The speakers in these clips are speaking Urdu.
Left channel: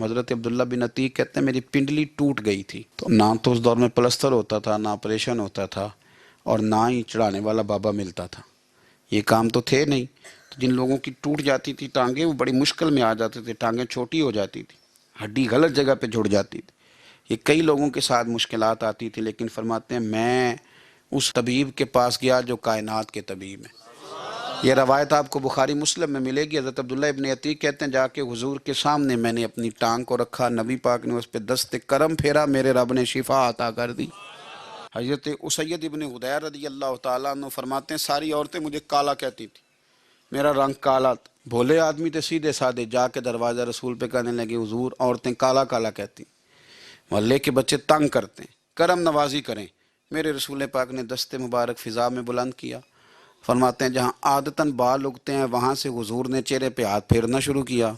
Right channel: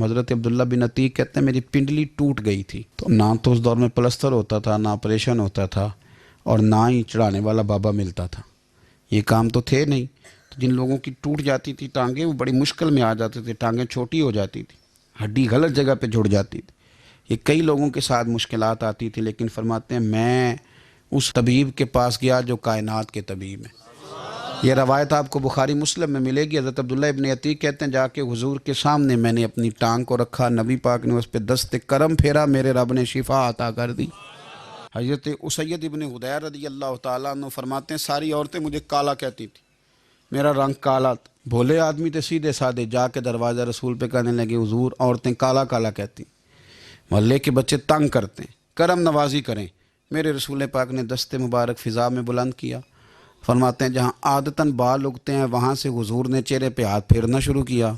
حضرت عبداللہ بن عتیق کہتے ہیں میری پنڈلی ٹوٹ گئی تھی، تو نہ تو اس دور میں پلستر ہوتا تھا، نہ آپریشن ہوتا تھا، اور نہ ہی چڑھانے والا بابا ملتا تھا، یہ کام تو تھے نہیں۔ تو جن لوگوں کی ٹوٹ جاتی تھی ٹانگیں، وہ بڑی مشکل میں آ جاتے تھے، ٹانگیں چھوٹی ہو جاتی تھی، ہڈی غلط جگہ پہ جڑ جاتی تھی، یہ کئی لوگوں کے ساتھ مشکلات آتی تھی، لیکن فرماتے ہیں میں اس طبیب کے پاس گیا جو کائنات کے طبیب ہیں۔ یہ روایت آپ کو بخاری مسلم میں ملے گی۔ حضرت عبداللہ ابن عتیق کہتے ہیں جا کے حضور کے سامنے میں نے اپنی ٹانگ کو رکھا، نبی پاک نے اس پہ دست کرم پھیرا، میرے رب نے شفا عطا کر دی۔ حضرت اسید ابن حضیر رضی اللہ تعالیٰ عنہ فرماتے ہیں ساری عورتیں مجھے کالا کہتی تھیں، میرا رنگ کالا تھا، بھولے آدمی تھے سیدھے سادے، جا کے دروازہ رسول پہ کہنے لگے حضور عورتیں کالا کالا کہتی، محلے کے بچے تنگ کرتے ہیں، کرم نوازی کریں۔ میرے رسول پاک نے دست مبارک فضا میں بلند کیا، فرماتے ہیں جہاں عادتاً بال اگتے ہیں وہاں سے حضور نے چہرے پہ ہاتھ پھیرنا شروع کیا،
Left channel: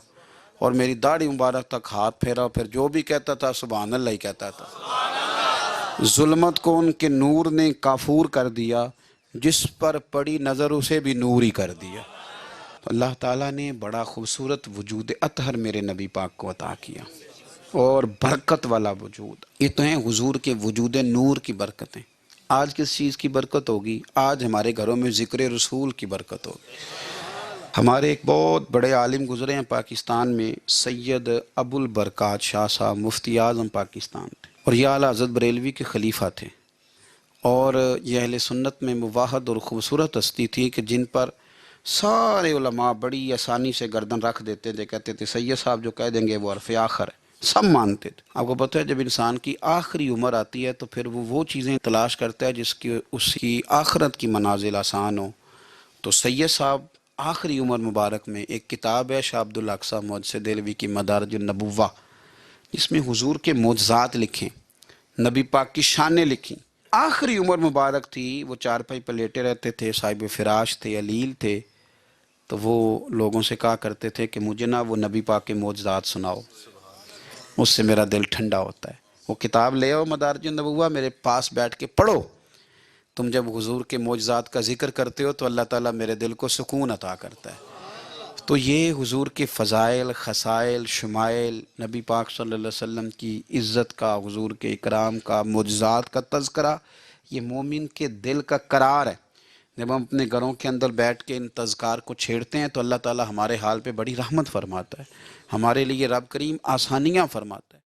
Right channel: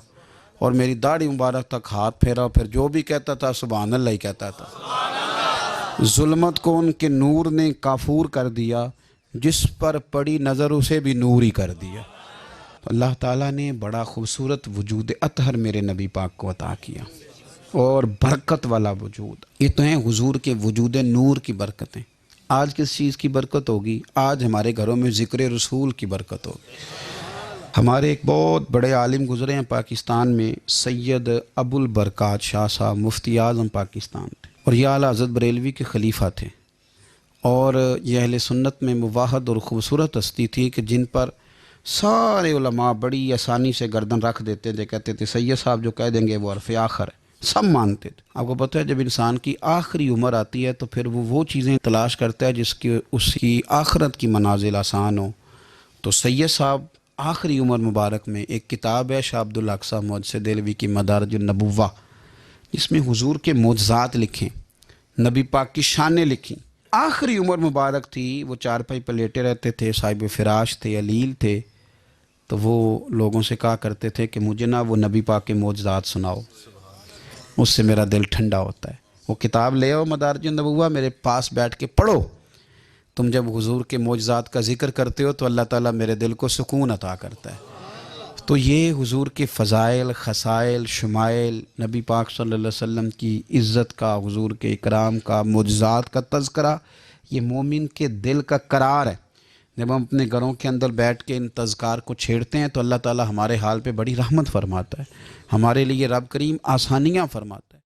اور میری داڑھی مبارک تک ہاتھ پھیرا، پھر جو بھی کہتا تھا سبحان اللہ ہی کہتا تھا۔ ظلمت کو ان کے نور نے کافور کر دیا، جس پر پڑی نظر اسے بھی نور ہی کر دیا۔ اللہ تعالیٰ نے بڑا خوبصورت وجود اطہر میرے نبی پاک کو عطا کیا، اور برکت والا وجود۔ یہ تو ہیں حضور کے وجود نور کی برکتیں۔ آج کس چیز کی برکت ہوگی؟ آج ہمارے گھروں میں ذکر رسول کی برکت ہوگی۔ ہمارے ایک بہت بڑے عالم گزرے ہیں پاکستان میں، سید ابو البرکات شاہ صاحب، مفتی اعظم پاکستان تھے، اور یہ اعلیٰ حضرت بریلوی کے خلیفہ تھے، اور یہ اہل سنت میں مواحد اور خوبصورت ہستی تھی کہ جن پر سارے علماء بڑی آسانی سے گردن رکھ دیتے تھے، کہتے تھے سید صاحب جو کہہ دیں گے وہ حرف آخر ہے، سب مانتے تھے۔ آپ کو پتہ ہے جب انسان کی آخری عمر آتی ہے تو پھر وہ چیزیں تلاش کرتا ہے جس کی اس کی آخرت کی منازل آسان ہو۔ تو سید صاحب آخری عمر مبارک میں ایک کتاب ہے شاہ عبد الاقصی محدث دہلوی کی مدارج النبوہ، جس میں حضور کے معجزات لکھیں، نبی پاک کی شانیں لکھیں۔ آخری عمر مبارک تھی، وہ چارپائی پہ لیٹے رہتے تھے، صاحب فراش تھے، علیل تھے، تو وہ لوگوں سے کہا کرتے تھے کہ مجھے نا وہ نبی پاک کے معجزات سناؤ، اس سے میرا دل ٹھنڈا ہوتا ہے۔ وہ کتاب لے آؤ مدارج النبوہ، میرے پاس بیٹھ کے پڑھو، تم جب حضور کے معجزات کا ذکر کرتے ہو تو اللہ تعالیٰ میرے دل کو سکون عطا کرتا ہے۔ تو یہ حضور کے فضائل، خصائل، شمائل، نبی پاک صلی اللہ علیہ وسلم کی عزت کا، حضور کے اکرام کا، معجزات کا تذکرہ، یہ مومن کے دل کا قرار ہے۔ جب ہم اپنے گھروں کے اندر بیٹھ کے ان تذکار کو چھیڑتے ہیں تو اللہ تعالیٰ ہمارے حال پہ بڑی رحمت فرماتا ہے، ہمارے لیے رب کریم آسانیاں فرماتا ہے۔